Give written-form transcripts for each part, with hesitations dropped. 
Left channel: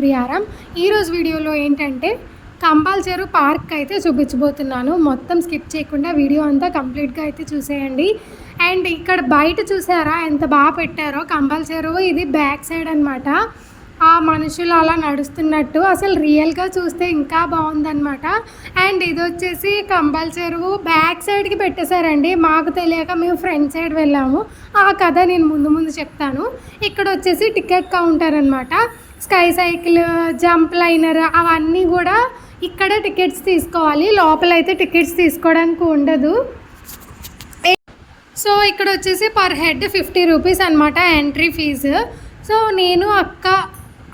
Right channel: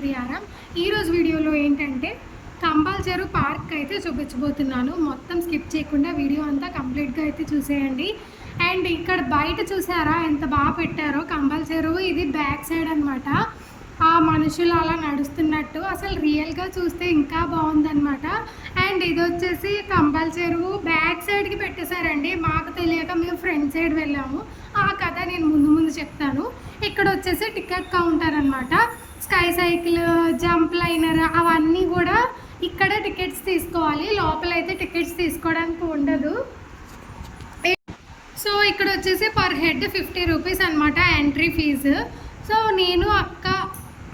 ప్రియారామ్. ఈరోజు వీడియోలో ఏంటంటే కంపల్సరీ పార్క్ అయితే చూపించబోతున్నాను. మొత్తం స్కిప్ చేయకుండా వీడియో అంతా కంప్లీట్గా అయితే చూసేయండి. అండ్ ఇక్కడ బయట చూసారా ఎంత బాగా పెట్టారో కంపల్సరీ. ఇది బ్యాక్ సైడ్ అనమాట. ఆ మనుషులు అలా నడుస్తున్నట్టు అసలు రియల్గా చూస్తే ఇంకా బాగుందన్నమాట. అండ్ ఇది వచ్చేసి కంపల్సరీ బ్యాక్ సైడ్కి పెట్టేశారండి. మాకు తెలియక మేము ఫ్రంట్ సైడ్ వెళ్ళాము. ఆ కథ నేను ముందు చెప్తాను. ఇక్కడ వచ్చేసి టికెట్ కౌంటర్ అనమాట. స్కై సైకిల్, జంప్ లైనర్ అవన్నీ కూడా ఇక్కడ టికెట్స్ తీసుకోవాలి. లోపలైతే టికెట్స్ తీసుకోవడానికి ఉండదు. సో ఇక్కడ వచ్చేసి పర్ హెడ్ 50 రూపీస్ అనమాట ఎంట్రీ ఫీజు. సో నేను అక్క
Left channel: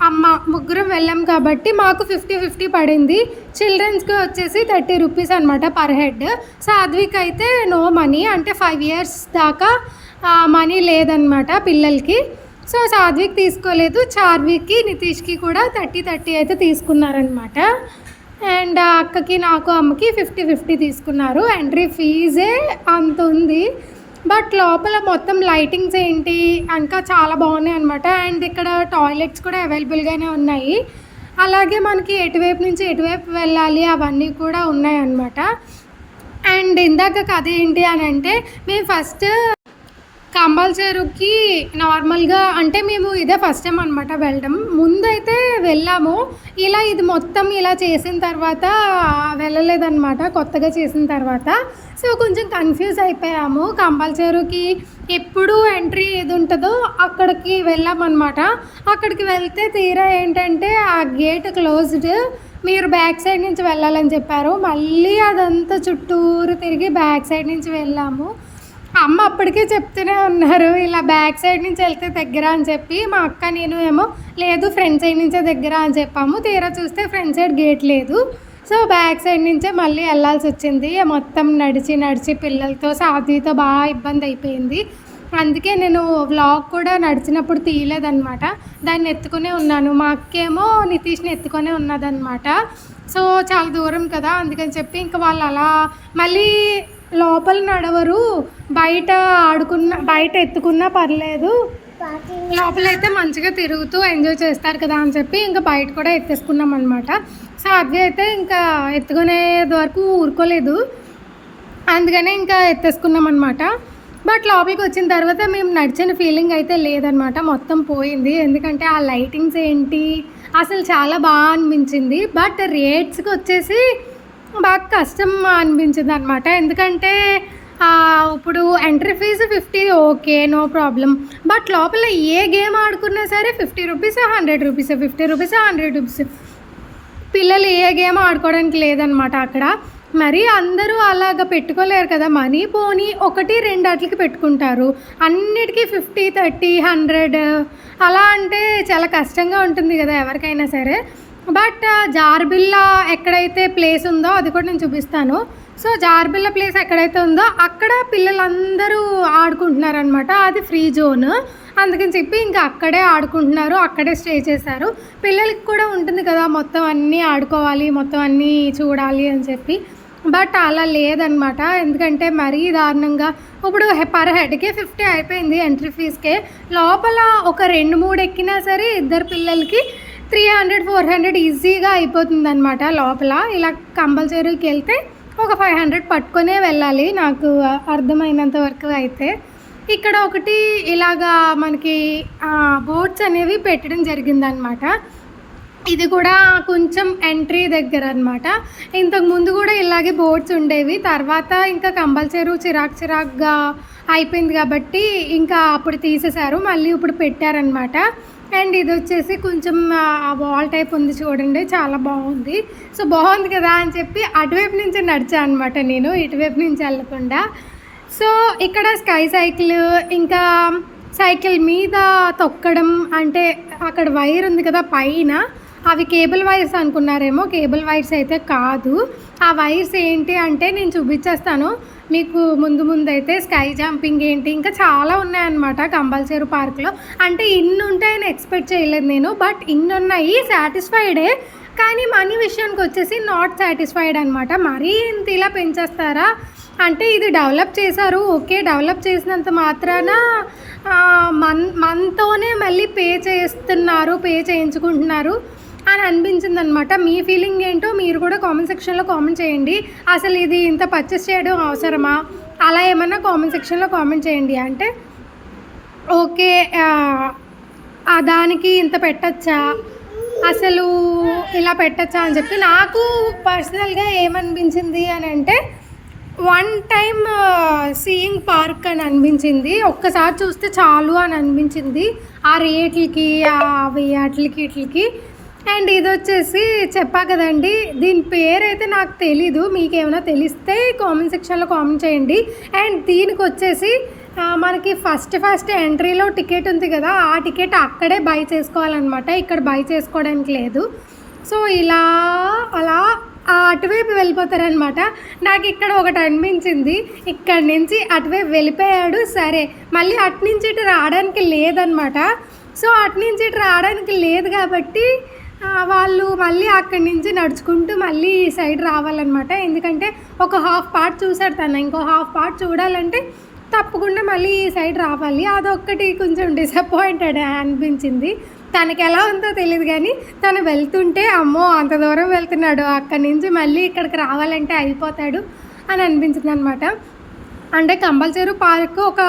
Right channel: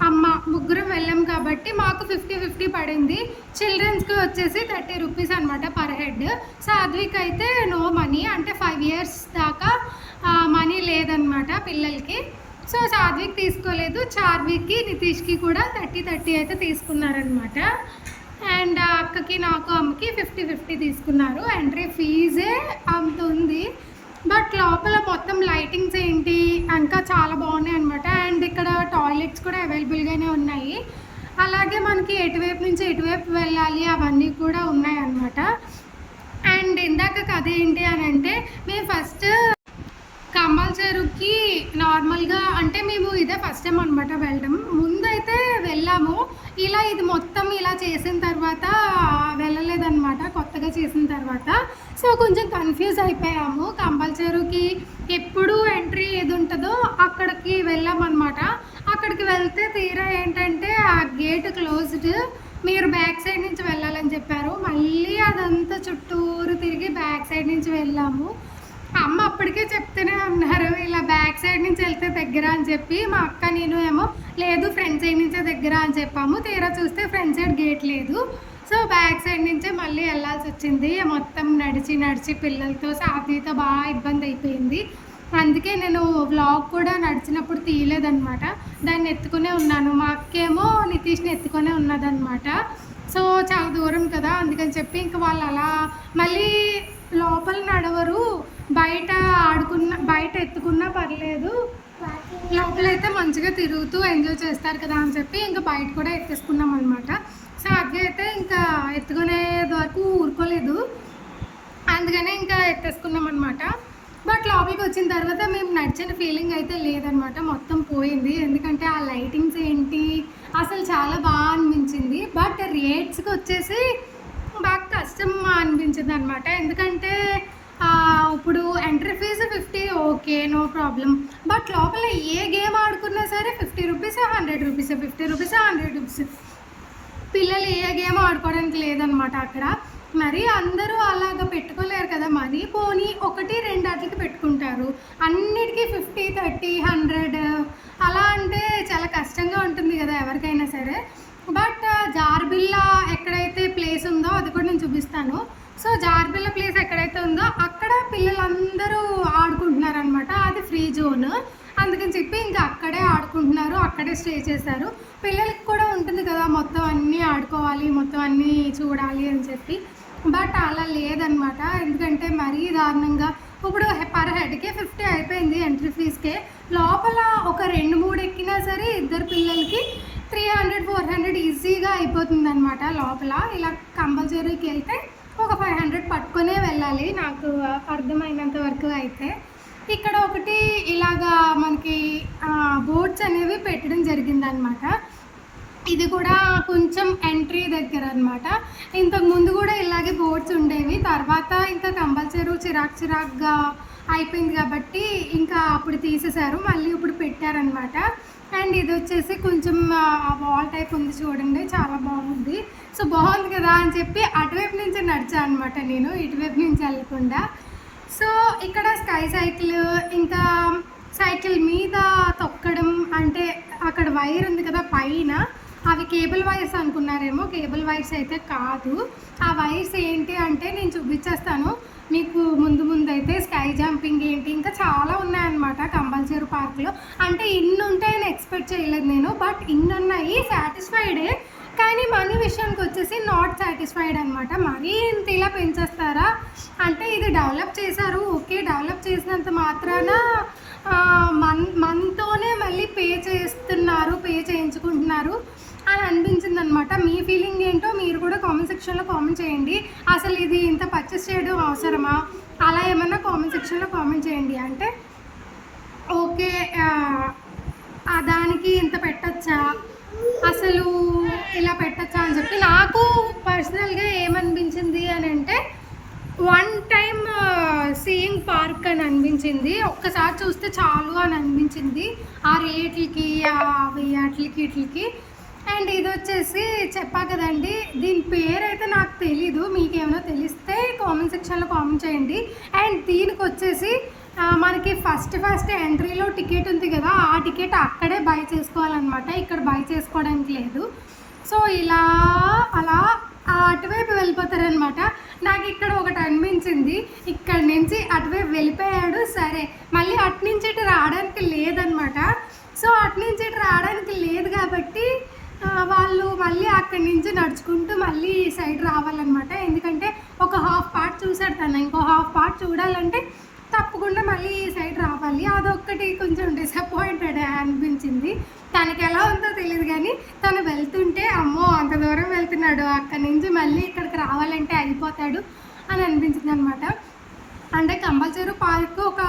అమ్మ ముగ్గురం వెళ్ళాం కాబట్టి మాకు 50-50 పడింది. చిల్డ్రన్స్కి వచ్చేసి 30 రూపీస్ అనమాట పర్ హెడ్. సాధ్విక్ అయితే నో మనీ, అంటే 5 ఇయర్స్ దాకా మనీ లేదనమాట పిల్లలకి. సో సాధ్విక్ తీసుకోలేదు. చార్విక్కి, నితీష్కి కూడా 30 అయితే తీసుకున్నారనమాట. అండ్ అక్కకి, నాకు, అమ్మకి 50-50 తీసుకున్నారు. ఎంట్రీ ఫీజే అంత ఉంది. బట్ లోపల మొత్తం లైటింగ్స్ ఏంటి ఇంకా చాలా బాగున్నాయి అనమాట. అండ్ ఇక్కడ టాయిలెట్స్ కూడా అవైలబుల్గానే ఉన్నాయి. అలాగే మనకి ఎటువైపు నుంచి ఎటువైపు వెళ్ళాలి అవన్నీ కూడా ఉన్నాయి అన్నమాట. అండ్ ఇందాక కథ ఏంటి అని అంటే, మేము ఫస్ట్ కంపల్సరీకి నార్మల్గా అంటే మేము ఇదే ఫస్ట్ టైం అనమాట వెళ్ళడం. ముందైతే వెళ్ళాము. ఇది మొత్తం ఇలా చేసిన తర్వాత వెళ్ళలేదన్నమాట, కొత్తగా చేసిన తర్వాత. సో కొంచెం కన్ఫ్యూజ్ అయిపోయాము. కంపల్సరీకి ఎప్పుడు ఎంట్రీ ఏది ఉంటుందో అక్కడికి వెళ్ళామన్నమాట. అక్కడికి వెళ్తే తీరా ఏంటంటే ఆ గేట్ క్లోజ్డ్, మీరు బ్యాక్ సైడ్ నుంచి వెళ్ళాలని చెప్పారు. మళ్ళీ అదంతా చుట్టూరు తిరిగి బ్యాక్ సైడ్ నుంచి వెళ్ళాము. అమ్మ అప్పటికే చెప్తూనే ఉన్నారు ఇలా బ్యాక్ సైడ్ నుంచి వెళ్తే దగ్గర అని చెప్పి. మా అక్క నేను ఏమో లేదు ఫ్రంట్ సైడ్ నుంచే దగ్గర అని చెప్పాము. తీరా చూస్తే ఫ్రంట్ సైడ్ గేట్ లేదు. సో బ్యాక్ సైడ్ నుంచే మళ్ళీ వెళ్ళాల్సి వచ్చింది. మొత్తం నడిచి పిల్లలతో సాధ్వితో బాగా ఇబ్బంది అయిపోయింది. అందుకే నేను వ్లాగ్ కూడా నడిచినప్పుడు తీయలేదన్నమాట. దాన్ని ఎత్తుకునే ఉన్నాను. మా అక్కేమో నితీష్ని ఎత్తుకొనే ఉన్నదన్నమాట. సో చాలా దూరం కదా, అందుకని చెప్పి ఇంకా వాళ్ళు అలా మళ్ళీ లోపల నడవరు, బయట ఎత్తుకున్నా పర్లేదు, లోపలైతే మంచిగా తిరుగుతూ ఎంజాయ్ చేస్తారు కదా అని చెప్పి ఇంకా బయట కూడా ఎత్తేసుకున్నాం అనమాట. సో అది అయితే ఇంకా ఎత్తుకునేది వరకు ఊరుకోలేదు, అందుకనే ఇంకా ఎత్తేసుకున్నాం అనమాట. బట్ లోపలికి వచ్చిన తర్వాత మేము నడిచిన ఫీలింగ్ అయితే లేదనమాట, మొత్తం పోయింది. ఎందుకంటే ఆ లైటింగ్స్ ఏంటి అసలు చాలా బాగా అనిపించింది. బట్ రేట్స్కి వచ్చేసి బాగా కష్టం అనిపించింది అనమాట. ఎందుకంటే ఇప్పుడు entry fee 50 okay, no problem. But లోపల ఏ గేమ్ ఆడుకున్నా సరే 50 రూపీస్, 100 రూపీస్, 50 రూపీస్, 100 రూపీస్. పిల్లలు ఏ గేమ్ ఆడుకోవడానికి లేదనమాట అక్కడ. మరి అందరూ అలాగ పెట్టుకోలేరు కదా మనీ. పోనీ 1-2 వాటికి పెట్టుకుంటారు. అన్నిటికీ 50, 30, 100 అలా అంటే చాలా కష్టంగా ఉంటుంది కదా ఎవరికైనా సరే. బట్ జార్బిల్లా ఎక్కడైతే ప్లేస్ ఉందో అది కూడా నేను చూపిస్తాను. సో జార్బిల్లా ప్లేస్ ఎక్కడైతే ఉందో అక్కడ పిల్లలందరూ ఆడుకుంటున్నారనమాట. అది ఫ్రీ జోన్, అందుకని చెప్పి ఇంకా అక్కడే ఆడుకుంటున్నారు, అక్కడే స్టే చేశారు. పిల్లలకి కూడా ఉంటుంది కదా మొత్తం అన్నీ ఆడుకోవాలి, మొత్తం అన్నీ చూడాలి అని చెప్పి. బట్ అలా లేదనమాట. ఎందుకంటే మరీ దారుణంగా ఇప్పుడు పర్ హెడ్కే 50 అయిపోయింది ఎంట్రీ ఫీజ్కే. లోపల ఒక 2-3 ఎక్కినా సరే ఇద్దరు పిల్లలకి 300-400 ఈజీగా అయిపోతుంది అనమాట లోపల. ఇలా కంపల్సరీకి వెళ్తే ఒక 500 పట్టుకొనే వెళ్ళాలి నాకు అర్థమైనంత వరకు అయితే. ఇక్కడ ఒకటి ఇలాగా మనకి బోర్డ్స్ అనేవి పెట్టడం జరిగిందనమాట. ఇది కూడా కొంచెం ఎంట్రీ దగ్గర అనమాట. ఇంతకు ముందు కూడా ఇలాగే బోర్డ్స్ ఉండేవి. తర్వాత ఇంకా కంపల్సరీ చిరాక్గా అయిపోయింది కాబట్టి ఇంకా అప్పుడు తీసేశారు, మళ్ళీ ఇప్పుడు పెట్టారనమాట. అండ్ ఇది వచ్చేసి కొంచెం వాల్ టైప్ ఉంది చూడండి, చాలా బాగుంది. సో బాగుంది కదా అని చెప్పి అటువైపు నుంచి నడిచా అనమాట నేను, ఇటువైపు నుంచి వెళ్ళకుండా. సో ఇక్కడ స్కై సైకిల్, ఇంకా సైకిల్ మీద తొక్కడం, అంటే అక్కడ వైర్ ఉంది కదా పైన, అవి కేబుల్ వైర్స్ అనుకున్నారేమో. కేబుల్ వైర్స్ అయితే కాదు. ఆ వైర్స్ ఏంటి అంటే నేను చూపించేస్తాను మీకు ముందు అయితే. స్కై జంపింగ్ ఏంటి ఇంకా చాలా ఉన్నాయన్నమాట కంపల్సరీ పార్క్లో. అంటే ఇన్ని ఉంటాయని ఎక్స్పెక్ట్ చేయలేదు నేను, బట్ ఇన్ని ఉన్నాయి. సాటిస్ఫైడే, కానీ మనీ విషయానికి వచ్చేసి నాట్ సాటిస్ఫైడ్ అనమాట. మరీ ఇంత ఇలా పెంచేస్తారా అంటే, ఇది డెవలప్ చేశారు ఓకే, డెవలప్ చేసినంత మాత్రాన మనతోనే మళ్ళీ పే చేయించుకుంటున్నారు అని అనిపించింది అనమాట. మీ ఫీలింగ్ ఏంటో మీరు కూడా కామెంట్ సెక్షన్లో కామెంట్ చేయండి. అసలు ఇది ఇంత పర్చేస్ చేయడం అవసరమా, అలా ఏమన్నా కామెంట్ సెక్షన్లో కామెంట్ చేయండి. అంటే ఓకే దానికి ఇంత పెట్టచ్చా, అసలు ఇలా పెట్టచ్చా అని చెప్పి నాకు పర్సనల్గా ఏమనిపించింది అని అంటే, వన్ టైం సీయింగ్ పార్క్ అని అనిపించింది. ఒక్కసారి చూస్తే చాలు అని అనిపించింది ఆ రేట్లకి వాటికి. అండ్ ఇది వచ్చేసి చెప్పా కదండి, దీని పేరు అయితే నాకు తెలీదు. మీకు ఏమైనా తెలిస్తే కామెంట్ సెక్షన్లో కామెంట్ చేయండి. అండ్ దీనికి వచ్చేసి మనకి ఫస్ట్ ఎంట్రీలో టికెట్ ఉంది కదా, ఆ టికెట్ అక్కడే బై చేసుకోవాలన్నమాట, ఇక్కడ బై చేసుకోవడానికి లేదు. సో ఇలా అలా అటువైపు వెళ్ళిపోతారనమాట. నాకు ఇక్కడ ఒకటి అనిపించింది, ఇక్కడి నుంచి అటువైపు వెళ్ళిపోయాడు, సరే మళ్ళీ అటు నుంచి ఇటు రావడానికి లేదనమాట. సో అటు నుంచి ఇటు రావడానికి లేదు కాబట్టి వాళ్ళు మళ్ళీ అక్కడి నుంచి నడుచుకుంటూ మళ్ళీ ఈ సైడ్ రావాలన్నమాట. ఎందుకంటే ఒక హాఫ్ పార్ట్ చూసాడు తను, ఇంకో హాఫ్ పార్ట్ చూడాలంటే తప్పకుండా మళ్ళీ ఈ సైడ్ రావాలి. అదొక్కటి కొంచెం డిసప్పాయింటెడ్ అనిపించింది. తనకి ఎలా ఉందో తెలియదు కానీ తను వెళ్తుంటే అమ్మో అంత దూరం వెళ్తున్నాడు, అక్కడి నుంచి మళ్ళీ ఇక్కడికి రావాలంటే అయిపోతాడు అని అనిపించింది అనమాట. అంటే కంపల్సరీ పార్క్ ఒక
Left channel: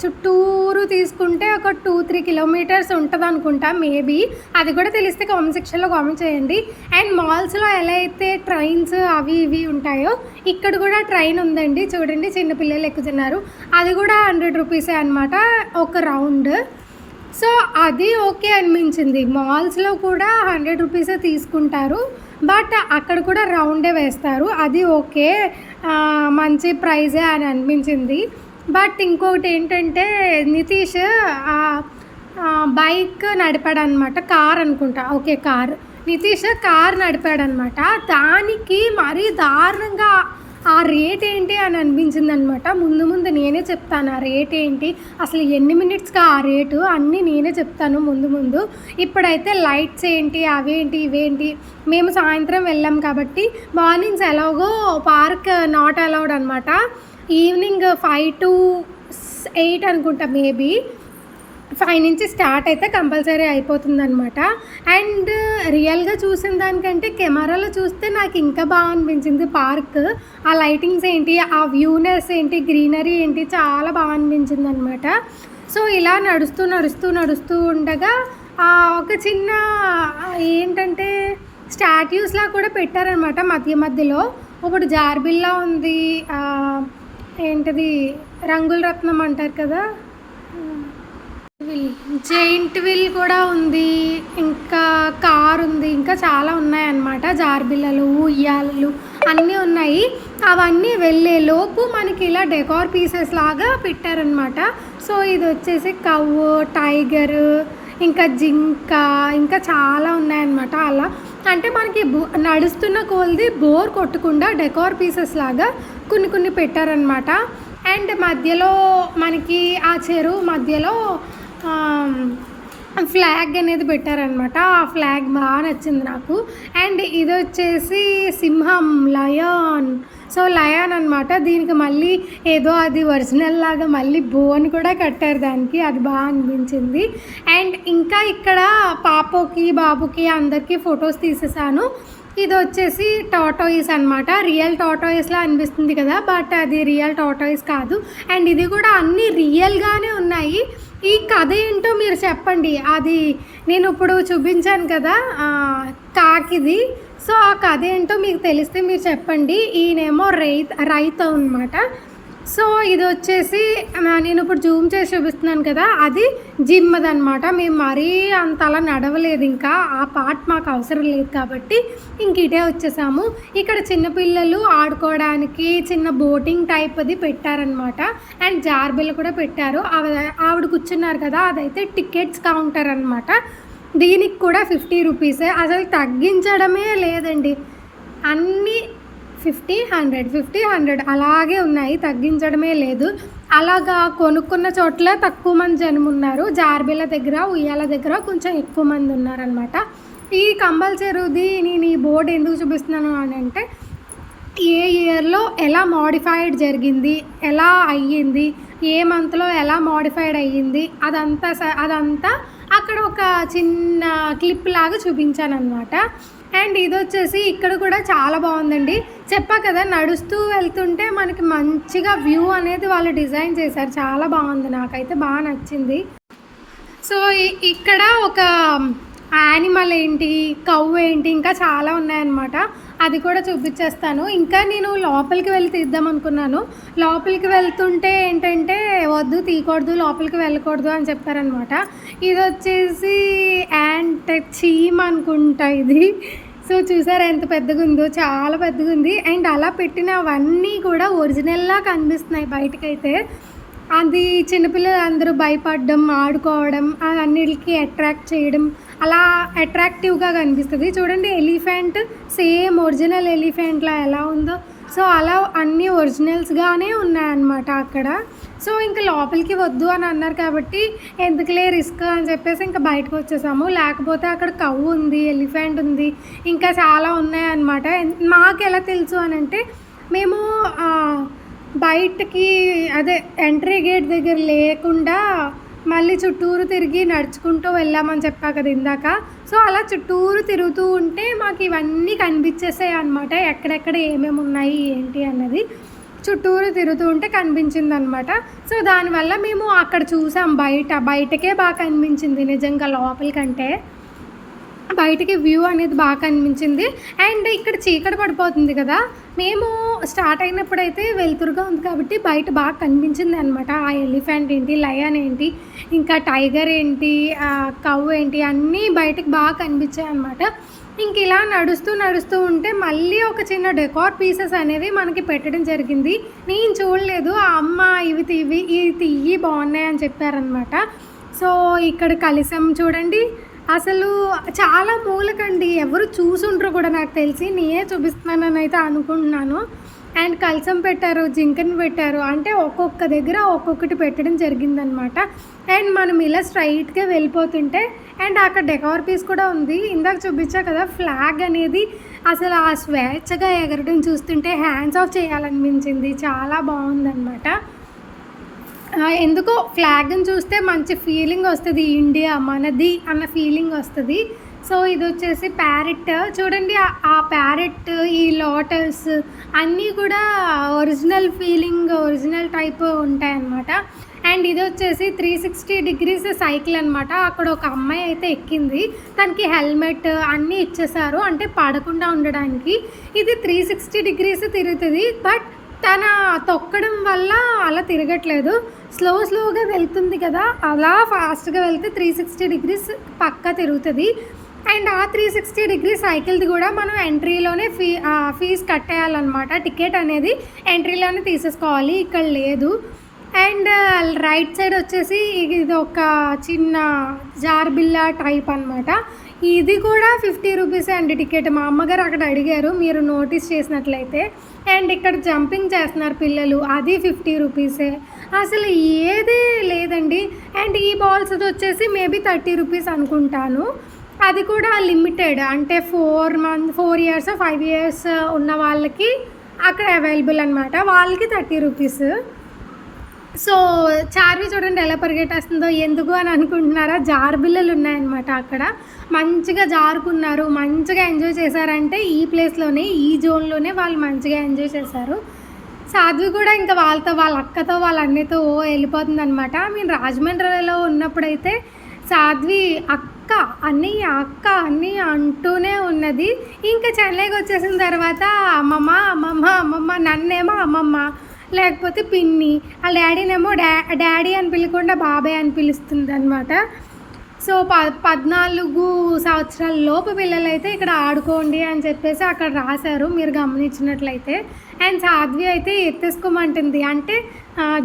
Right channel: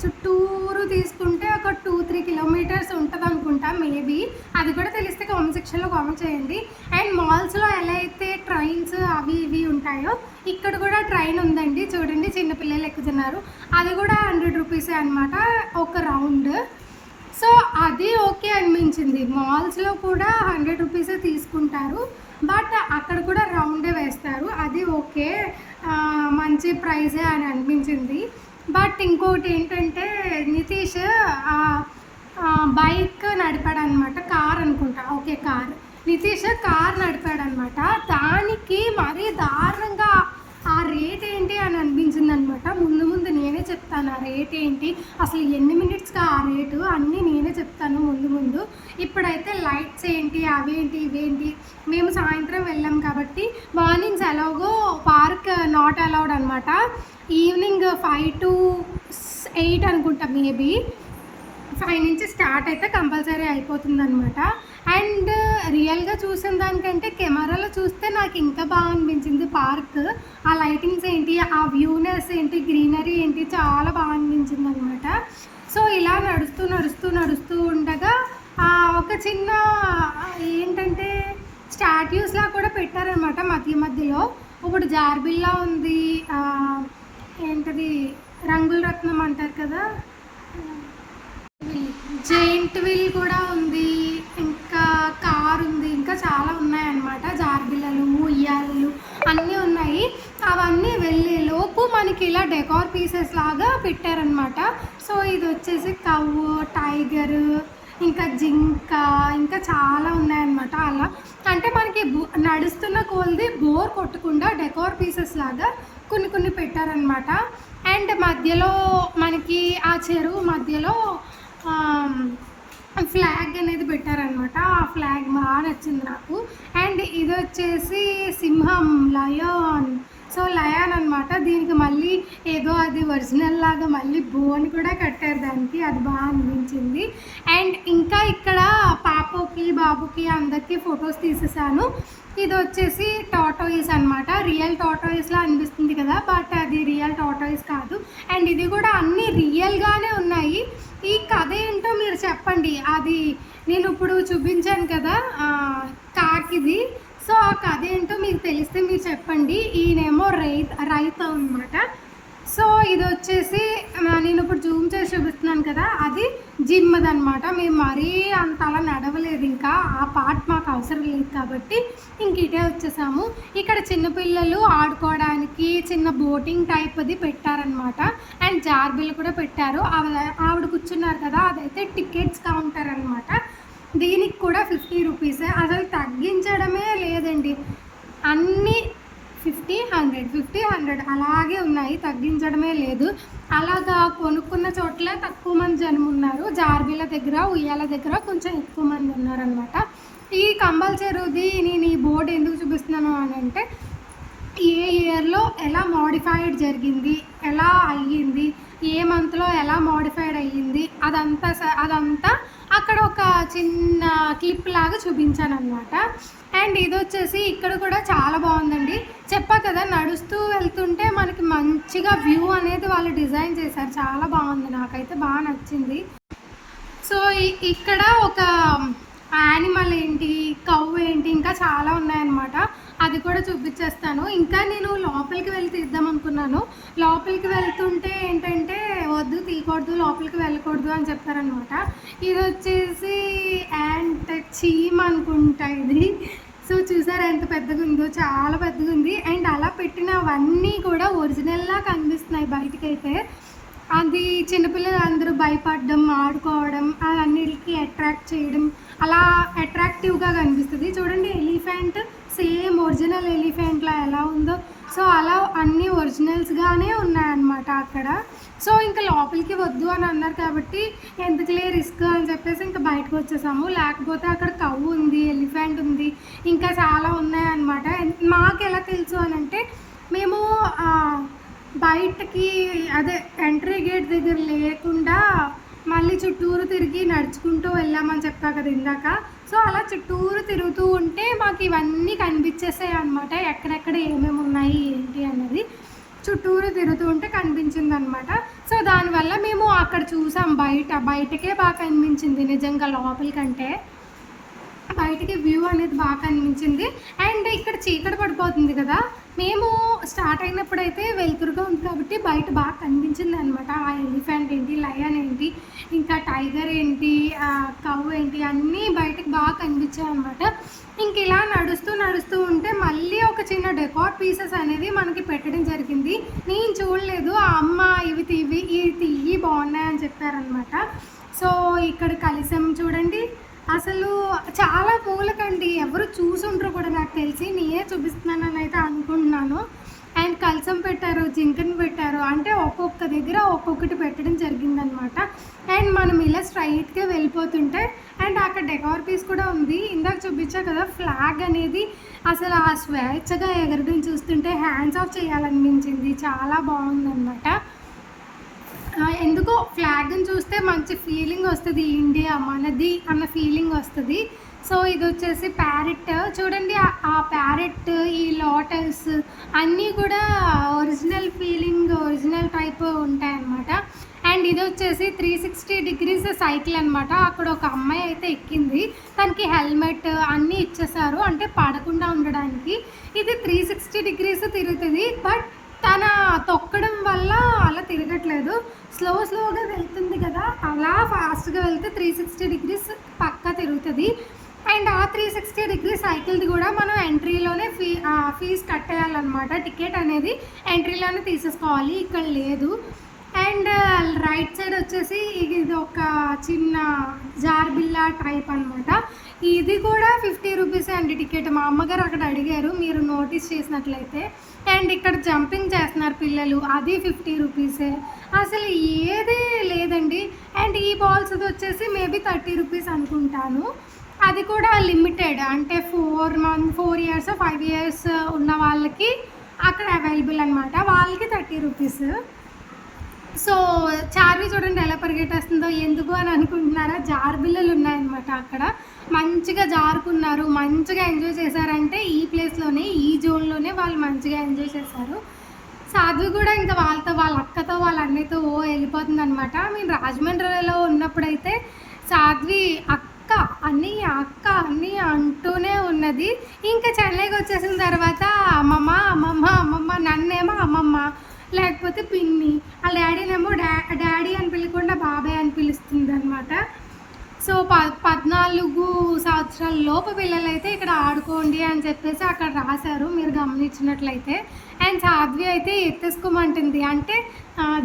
చుట్టూరు తీసుకుంటే ఒక 2-3 కిలోమీటర్స్ ఉంటుంది అనుకుంటా మేబీ. అది కూడా తెలిస్తే కామెంట్ సెక్షన్లో కామెంట్ చేయండి. అండ్ మాల్స్లో ఎలా అయితే ట్రైన్స్ అవి ఇవి ఉంటాయో ఇక్కడ కూడా ట్రైన్ ఉందండి. చూడండి చిన్నపిల్లలు ఎక్కుతున్నారు. అది కూడా 100 రూపీసే అనమాట ఒక రౌండ్. సో అది ఓకే అనిపించింది. మాల్స్లో కూడా 100 రూపీసే తీసుకుంటారు, బట్ అక్కడ కూడా రౌండే వేస్తారు. అది ఓకే, మంచి ప్రైజే అని అనిపించింది. బట్ ఇంకొకటి ఏంటంటే నితీష్ బైక్ నడిపాడనమాట, కార్ అనుకుంటా, ఓకే కార్, నితీష్ కార్ నడిపాడనమాట. దానికి మరీ దారుణంగా ఆ రేట్ ఏంటి అని అనిపించింది అనమాట. ముందు నేనే చెప్తాను ఆ రేట్ ఏంటి, అసలు ఎన్ని మినిట్స్గా ఆ రేటు అన్నీ నేనే చెప్తాను ముందు. ఇప్పుడైతే లైట్స్ ఏంటి, అవేంటి ఇవేంటి, మేము సాయంత్రం వెళ్ళాం కాబట్టి మార్నింగ్స్ ఎలాగో పార్క్ నాట్ అలౌడ్ అనమాట. ఈవినింగ్ 5 to 8 అనుకుంటా మేబీ, 5 నుంచి స్టార్ట్ అయితే కంపల్సరీ అయిపోతుంది అనమాట. అండ్ రియల్గా చూసిన దానికంటే కెమెరాలో చూస్తే నాకు ఇంకా బాగా అనిపించింది పార్క్. ఆ లైటింగ్స్ ఏంటి, ఆ వ్యూనెస్ ఏంటి, గ్రీనరీ ఏంటి, చాలా బాగా అనిపించింది అనమాట. సో ఇలా నడుస్తూ ఉండగా ఒక చిన్న ఏంటంటే స్టాట్యూస్లా కూడా పెట్టారనమాట మధ్యలో. ఒకటి జార్బిల్లా ఉంది, ఏంటది రంగుల రత్నం అంటారు కదా, జైంట్ వీల్ కూడా ఉంది, ఇంకా కార్ ఉంది, ఇంకా చాలా ఉన్నాయన్నమాట. జార్బిల్లలు, ఉయ్యాలలు అన్నీ ఉన్నాయి. అవన్నీ వెళ్ళే లోపు మనకి ఇలా డెకార్ పీసెస్ లాగా పెట్టారనమాట. సో ఇది వచ్చేసి కవ్వు, టైగర్, ఇంకా జింక, ఇంకా చాలా ఉన్నాయన్నమాట. అలా అంటే మనకి నడుస్తున్న కొలది బోర్ కొట్టకుండా డెకార్ పీసెస్ లాగా కొన్ని పెట్టారనమాట. అండ్ మధ్యలో మనకి ఆ చెరువు మధ్యలో ఫ్లాగ్ అనేది పెట్టారనమాట. ఆ ఫ్లాగ్ బాగా నచ్చింది నాకు. అండ్ ఇది వచ్చేసి సింహం, లయన్. సో లయన్ అనమాట. దీనికి మళ్ళీ ఏదో అది ఒరిజినల్ లాగా మళ్ళీ బోన్ కూడా కట్టారు దానికి, అది బాగా అనిపించింది. అండ్ ఇంకా ఇక్కడ పాపకి బాబుకి అందరికీ ఫొటోస్ తీసేసాను. ఇది వచ్చేసి టాటాయిస్ అనమాట. రియల్ టాటాయిస్లా అనిపిస్తుంది కదా, బట్ అది రియల్ టాటాయిస్ కాదు. అండ్ ఇది కూడా అన్నీ రియల్గానే ఉన్నాయి. ఈ కథ ఏంటో మీరు చెప్పండి. అది నేను ఇప్పుడు చూపించాను కదా కాకిది, సో ఆ కథ ఏంటో మీకు తెలిస్తే మీరు చెప్పండి. ఈయనేమో రైతు అనమాట. సో ఇది వచ్చేసి నేను ఇప్పుడు జూమ్ చేసి చూపిస్తున్నాను కదా, అది జిమ్ది అనమాట. మేము మరీ అంతలా నడవలేదు, ఇంకా ఆ పార్ట్ మాకు అవసరం లేదు కాబట్టి ఇంక ఇటే వచ్చేసాము. ఇక్కడ చిన్నపిల్లలు ఆడుకోవడానికి చిన్న బోటింగ్ టైప్ అది పెట్టారనమాట. అండ్ జార్బిల్ కూడా పెట్టారు. ఆవిడ కూర్చున్నారు కదా, అదైతే టికెట్స్ కౌంటర్ అనమాట. దీనికి కూడా 50 రూపీసే, అసలు తగ్గించడమే లేదండి. అన్నీ 50-100 అలాగే ఉన్నాయి, తగ్గించడమే లేదు. అలాగా కొనుక్కున్న చోట్ల తక్కువ మంది జనం ఉన్నారు. జార్బిల దగ్గర, ఉయ్యాల దగ్గర కొంచెం ఎక్కువ మంది ఉన్నారనమాట. ఈ కంపల్సరీది నేను ఈ బోర్డు ఎందుకు చూపిస్తున్నాను అని అంటే, ఏ ఇయర్లో ఎలా మోడిఫైడ్ జరిగింది, ఎలా అయ్యింది, ఏ మంత్లో ఎలా మోడిఫైడ్ అయ్యింది, అదంతా అక్కడ ఒక చిన్న క్లిప్ లాగా చూపించాను అనమాట. అండ్ ఇది వచ్చేసి ఇక్కడ కూడా చాలా బాగుందండి. చెప్పా కదా, నడుస్తూ వెళ్తుంటే మనకి మంచిగా వ్యూ అనేది వాళ్ళు డిజైన్ చేశారు. చాలా బాగుంది, నాకైతే బాగా నచ్చింది. సో ఇక్కడ ఒక యానిమల్ ఏంటి, కవ్ ఏంటి, ఇంకా చాలా ఉన్నాయన్నమాట. అది కూడా చూపించేస్తాను. ఇంకా నేను లోపలికి వెళ్ళి తీద్దాం అనుకున్నాను. లోపలికి వెళ్తుంటే ఏంటంటే వద్దు, తీయకూడదు, లోపలికి వెళ్ళకూడదు అని చెప్పారనమాట. ఇది వచ్చేసి యాంట్ చీమ్ అనుకుంటా ఇది. సో చూసారా ఎంత పెద్దగా ఉందో, చాలా పెద్దగా ఉంది. అండ్ అలా పెట్టినవన్నీ కూడా ఒరిజినల్లా కనిపిస్తున్నాయి బయటకైతే. అది చిన్నపిల్లలు అందరూ భయపడడం, ఆడుకోవడం, అన్నిటికీ అట్రాక్ట్ చేయడం, అలా అట్రాక్టివ్గా కనిపిస్తుంది. చూడండి, ఎలిఫెంట్ సేమ్ ఒరిజినల్ ఎలిఫెంట్లా ఎలా ఉందో, సో అలా అన్నీ ఒరిజినల్స్గానే ఉన్నాయన్నమాట అక్కడ. సో ఇంకా లోపలికి వద్దు అని అన్నారు కాబట్టి ఎందుకులే రిస్క్ అని చెప్పేసి ఇంకా బయటకు వచ్చేసాము. లేకపోతే అక్కడ కవ్వు ఉంది, ఎలిఫెంట్ ఉంది, ఇంకా చాలా ఉన్నాయన్నమాట. మాకు ఎలా తెలుసు అని అంటే, మేము బయటకి అదే ఎంట్రీ గేట్ దగ్గర లేకుండా మళ్ళీ చుట్టూరు తిరిగి నడుచుకుంటూ వెళ్ళామని చెప్పా కదా ఇందాక. సో అలా చుట్టూరు తిరుగుతూ ఉంటే మాకు ఇవన్నీ కనిపించేసాయి అనమాట, ఎక్కడెక్కడ ఏమేమి ఉన్నాయి ఏంటి అన్నది చుట్టూరు తిరుగుతూ ఉంటే కనిపించింది అనమాట. సో దానివల్ల మేము అక్కడ చూసాం, బయటకే బాగా కనిపించింది నిజంగా, లోపలికంటే బయటికి వ్యూ అనేది బాగా కనిపించింది. అండ్ ఇక్కడ చీకటి పడిపోతుంది కదా, మేము స్టార్ట్ అయినప్పుడైతే వెలుతురుగా ఉంది కాబట్టి బయట బాగా కనిపించింది అనమాట. ఆ ఎలిఫెంట్ ఏంటి, లయన్ ఏంటి, ఇంకా టైగర్ ఏంటి, కవ్ ఏంటి, అన్నీ బయటకు బాగా కనిపించాయి అనమాట. ఇంక ఇలా నడుస్తూ ఉంటే మళ్ళీ ఒక చిన్న డెకార్ పీసెస్ అనేవి మనకి పెట్టడం జరిగింది. నేను చూడలేదు, ఆ అమ్మ ఇవి తీయి బాగున్నాయి అని చెప్పారనమాట. సో ఇక్కడ కలిసం చూడండి, అసలు చాలా మూలకండి, ఎవరు చూసుంటారు కూడా నాకు తెలిసి, నేనే చూపిస్తున్నానని అయితే అనుకుంటున్నాను. అండ్ కలసం పెట్టారు, జింకని పెట్టారు, అంటే ఒక్కొక్క దగ్గర ఒక్కొక్కటి పెట్టడం జరిగిందనమాట. అండ్ మనం ఇలా స్ట్రైట్గా వెళ్ళిపోతుంటే, అండ్ అక్కడ డెకార్ పీస్ కూడా ఉంది, ఇందాక చూపించా కదా ఫ్లాగ్ అనేది, అసలు ఆ స్వేచ్ఛగా ఎగరడం చూస్తుంటే హ్యాండ్స్ ఆఫ్ చేయాలనిపించింది, చాలా బాగుందన్నమాట. ఎందుకో ఫ్లాగ్ని చూస్తే మంచి ఫీలింగ్ వస్తుంది, ఇండియా మనది అన్న ఫీలింగ్ వస్తుంది. సో ఇది వచ్చేసి ప్యారెట్ చూడండి, ఆ ప్యారెట్, ఈ లోటస్ అన్నీ కూడా ఒరిజినల్ ఫీలింగ్, ఒరిజినల్ టైప్ ఉంటాయన్నమాట. అండ్ ఇది వచ్చేసి 360 డిగ్రీస్ సైకిల్ అనమాట. అక్కడ ఒక అమ్మాయి అయితే ఎక్కింది, తనకి హెల్మెట్ అన్నీ ఇచ్చేసారు, అంటే పడకుండా ఉండడానికి. ఇది 360 డిగ్రీస్ తిరుగుతుంది, బట్ తన తొక్కడం వల్ల అలా తిరగట్లేదు, స్లోగా వెళ్తుంది కదా, అలా ఫాస్ట్గా వెళ్తే 360 డిగ్రీస్ పక్కా తిరుగుతుంది. అండ్ ఆ 360 డిగ్రీ సైకిల్ది కూడా మనం ఎంట్రీలోనే ఫీజు కట్టేయాలన్నమాట. టికెట్ అనేది ఎంట్రీలోనే తీసేసుకోవాలి, ఇక్కడ లేదు. అండ్ రైట్ సైడ్ వచ్చేసి ఇది ఒక చిన్న జార్బిల్లా టైప్ అనమాట. ఇది కూడా 50 రూపీసే అండి టికెట్. మా అమ్మగారు అక్కడ అడిగారు, మీరు నోటీస్ చేసినట్లయితే. అండ్ ఇక్కడ జంపింగ్ చేస్తున్నారు పిల్లలు, అది 50 రూపీసే. అసలు ఏదే లేదండి. అండ్ ఈ బాల్స్ వచ్చేసి మేబీ 30 రూపీస్ అనుకుంటాను. అది కూడా లిమిటెడ్, అంటే 4 ఇయర్స్ 5 ఇయర్స్ ఉన్న వాళ్ళకి అక్కడ అవైలబుల్ అనమాట, వాళ్ళకి 30 రూపీస్. సో చార్వి చూడండి ఎలా పరిగెట్టేస్తుందో, ఎందుకు అని అనుకుంటున్నారా, జారుబిల్లలు ఉన్నాయన్నమాట అక్కడ. మంచిగా జారుకున్నారు, మంచిగా ఎంజాయ్ చేశారంటే ఈ ప్లేస్లోనే, ఈ జోన్లోనే వాళ్ళు మంచిగా ఎంజాయ్ చేశారు. సాధ్వి కూడా ఇంకా వాళ్ళ అక్కతో వాళ్ళ అన్నయ్యతో వెళ్ళిపోతుంది అనమాట. మేము రాజమండ్రిలో ఉన్నప్పుడైతే సాధ్వి అక్క అన్నయ్య అంటూనే ఉన్నది. ఇంకా చెన్నైకి వచ్చేసిన తర్వాత అమ్మమ్మ, నన్నేమో అమ్మమ్మ, లేకపోతే పిన్ని, ఆ డాడీనేమో డాడీ అని పిలకుండా బాబాయ్ అని పిలుస్తుంది అనమాట. సో 14 సంవత్సరాల లోపు పిల్లలైతే ఇక్కడ ఆడుకోండి అని చెప్పేసి అక్కడ రాశారు, మీరు గమనించినట్లయితే. అండ్ సాధ్వి అయితే ఎత్తేసుకోమంటుంది, అంటే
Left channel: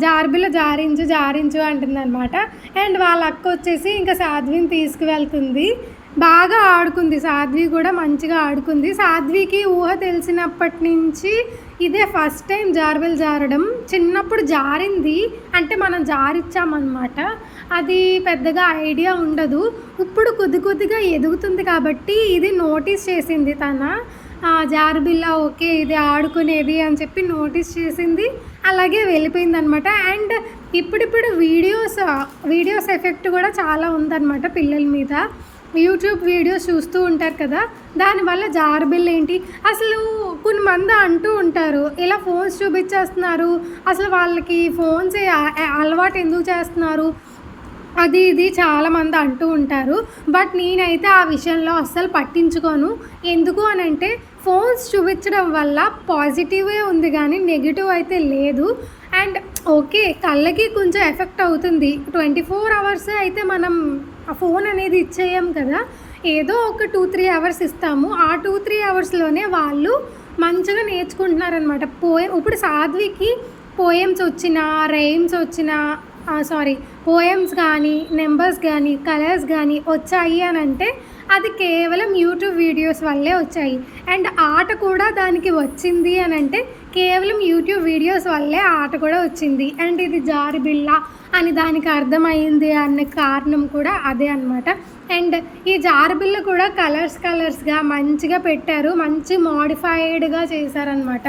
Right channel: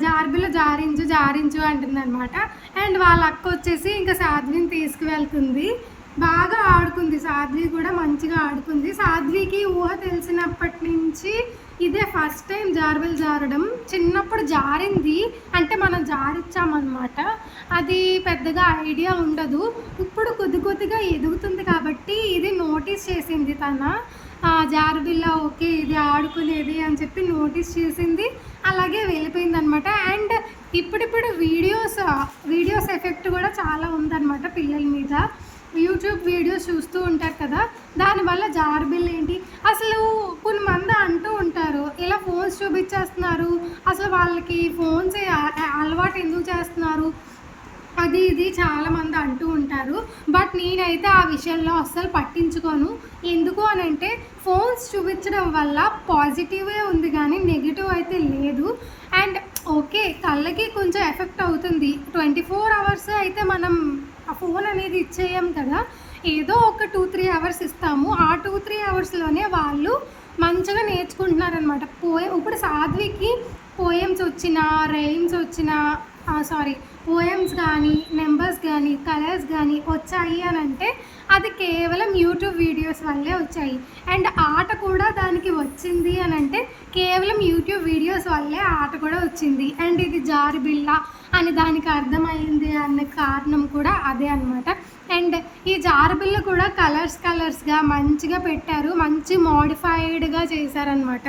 జార్బిలో జారించు అంటుంది అనమాట. అండ్ వాళ్ళ అక్క వచ్చేసి ఇంకా సాధ్విని తీసుకువెళ్తుంది. బాగా ఆడుకుంది సాధ్వి కూడా, మంచిగా ఆడుకుంది. సాధ్వికి ఊహ తెలిసినప్పటి నుంచి ఇదే ఫస్ట్ టైం జార్బిల్ జారడం. చిన్నప్పుడు జారింది, అంటే మనం జారిచ్చామన్నమాట, అది పెద్దగా ఐడియా ఉండదు. ఇప్పుడు కొద్దిగా ఎదుగుతుంది కాబట్టి ఇది నోటీస్ చేసింది తన. జారుబిల్ల ఓకే ఇది ఆడుకునేది అని చెప్పి నోటీస్ చేసింది, అలాగే వెళ్ళిపోయిందనమాట. అండ్ ఇప్పుడిప్పుడు వీడియోస్ ఎఫెక్ట్ కూడా చాలా ఉందన్నమాట పిల్లల మీద. యూట్యూబ్ వీడియోస్ చూస్తూ ఉంటారు కదా, దానివల్ల జారుబిల్ల ఏంటి అసలు కొంతమంది అంటూ ఉంటారు, ఇలా ఫోన్స్ చూపించేస్తున్నారు, అసలు వాళ్ళకి ఫోన్స్ అలవాటు ఎందుకు చేస్తున్నారు అది ఇది చాలామంది అంటూ ఉంటారు. బట్ నేనైతే ఆ విషయంలో అస్సలు పట్టించుకోను. ఎందుకు అని అంటే ఫోన్స్ చూపించడం వల్ల పాజిటివే ఉంది కానీ నెగిటివ్ అయితే లేదు. అండ్ ఓకే కళ్ళకి కొంచెం ఎఫెక్ట్ అవుతుంది. 24 అవర్స్ అయితే మనం ఆ ఫోన్ అనేది ఇచ్చేయం కదా, ఏదో ఒక 2-3 అవర్స్ ఇస్తాము. ఆ 2-3 అవర్స్లోనే వాళ్ళు మంచిగా నేర్చుకుంటున్నారనమాట. ఇప్పుడు సాధ్వికి పోయమ్స్ వచ్చినా, రైమ్స్ వచ్చినా పోయమ్స్ కానీ, నెంబర్స్ కానీ, కలర్స్ కానీ వచ్చాయి అని అంటే అది కేవలం యూట్యూబ్ వీడియోస్ వల్లే వచ్చాయి. అండ్ ఆట కూడా దానికి వచ్చింది అని అంటే కేవలం యూట్యూబ్ వీడియోస్ వల్లే ఆట కూడా వచ్చింది. అండ్ ఇది జారుబిల్ల అని దానికి అర్థమైంది అనే కారణం కూడా అదే అనమాట. అండ్ ఈ జారుబిల్ల కూడా కలర్స్గా మంచిగా పెట్టారు, మంచి మోడిఫైడ్గా చేశారనమాట.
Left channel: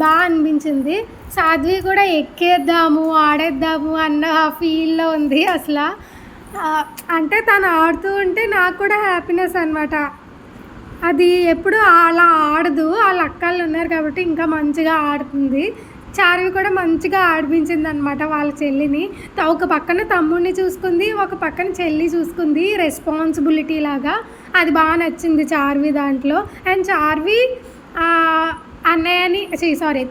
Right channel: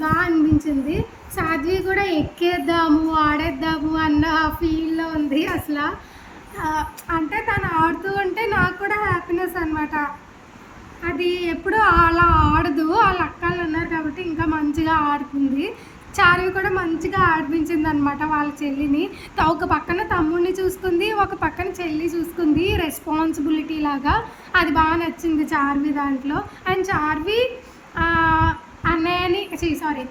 బాగా అనిపించింది. సాధ్వి కూడా ఎక్కేద్దాము ఆడేద్దాము అన్న ఫీల్లో ఉంది అసలు. అంటే తను ఆడుతూ ఉంటే నాకు కూడా హ్యాపీనెస్ అనమాట. అది ఎప్పుడు అలా ఆడదు, వాళ్ళ అక్కలు ఉన్నారు కాబట్టి ఇంకా మంచిగా ఆడుతుంది. చార్వి కూడా మంచిగా ఆడిపించింది అనమాట వాళ్ళ చెల్లిని. ఒక పక్కన తమ్ముడిని చూసుకుంది, ఒక పక్కన చెల్లి చూసుకుంది, రెస్పాన్సిబిలిటీ లాగా. అది బాగా నచ్చింది చార్వి దాంట్లో. అండ్ చార్వి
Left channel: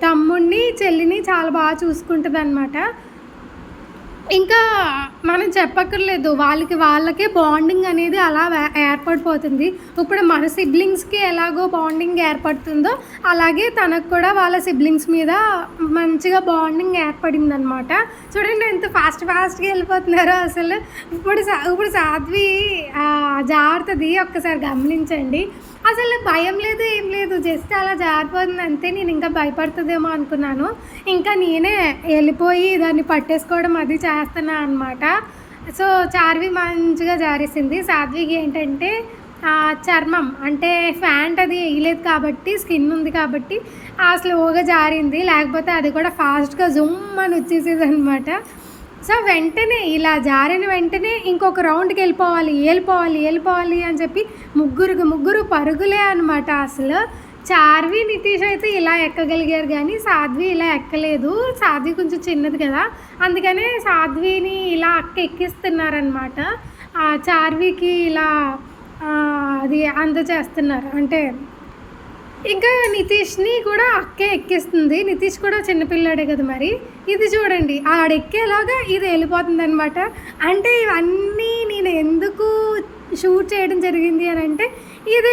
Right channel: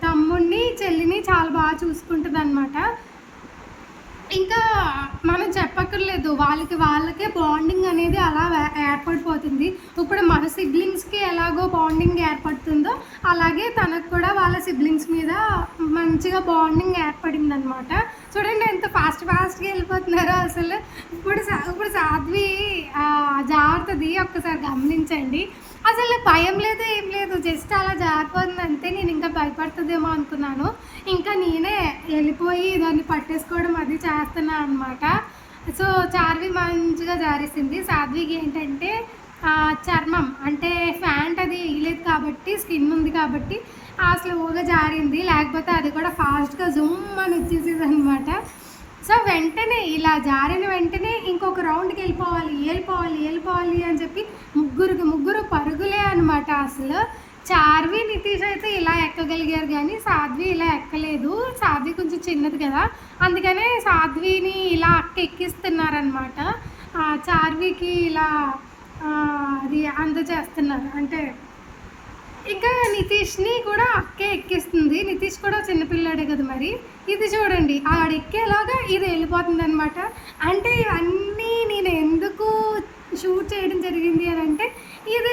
తమ్ముడిని చెల్లిని చాలా బాగా చూసుకుంటుంది అనమాట. ఇంకా మనం చెప్పక్కర్లేదు, వాళ్ళకే బాండింగ్ అనేది అలా ఏర్పడిపోతుంది. ఇప్పుడు మన సిబ్లింగ్స్కి ఎలాగో బాండింగ్ ఏర్పడుతుందో అలాగే తనకు కూడా వాళ్ళ సిబ్లింగ్స్ మీద మంచిగా బాండింగ్ ఏర్పడింది అనమాట. చూడండి ఎంత ఫాస్ట్గా వెళ్ళిపోతున్నారో అసలు. ఇప్పుడు సాధ్వి జారుతుంది, ఒక్కసారి గమనించండి. అసలు భయం లేదు ఏం లేదు, జస్ట్ అలా జారిపోతుంది అంతే. నేను ఇంకా భయపడుతుందేమో అనుకున్నాను, ఇంకా నేనే వెళ్ళిపోయి దాన్ని పట్టేసుకోవడం అది చేస్తున్నా అనమాట. సో చార్వి మంచిగా జారేసింది. సాధ్వికి ఏంటంటే చర్మం అంటే ఫ్యాంట్ అది వేయలేదు కాబట్టి, స్కిన్ ఉంది కాబట్టి స్లోగా జారింది, లేకపోతే అది కూడా ఫాస్ట్గా జుమ్ అని వచ్చేసేది అనమాట. సో వెంటనే ఇలా జారిన వెంటనే ఇంకొక రౌండ్కి వెళ్ళిపోవాలి అని చెప్పి ముగ్గురు పరుగులే అనమాట. అసలు చార్వి నితీష్ అయితే ఇలా ఎక్కగలిగారు కానీ సాధ్వి ఇలా ఎక్కలేదు. సాధ్వి కొంచెం చిన్నది కదా, అందుకనే సాధ్విని ఇలా ఎక్కిస్తున్నారనమాట. చార్వికి ఇలా అది అందజేస్తున్నారు. అంటే ఇంకా నితీష్ని కూడా అక్కే ఎక్కిస్తుంది. నితీష్ కూడా చిన్నపిల్లాడే కదా, మరి ఇది చూడండి ఆడెక్కేలాగా ఇది వెళ్ళిపోతుంది అనమాట. అంటే ఇవన్నీ నేను ఎందుకు షూట్ చేయడం జరిగింది అని అంటే ఇది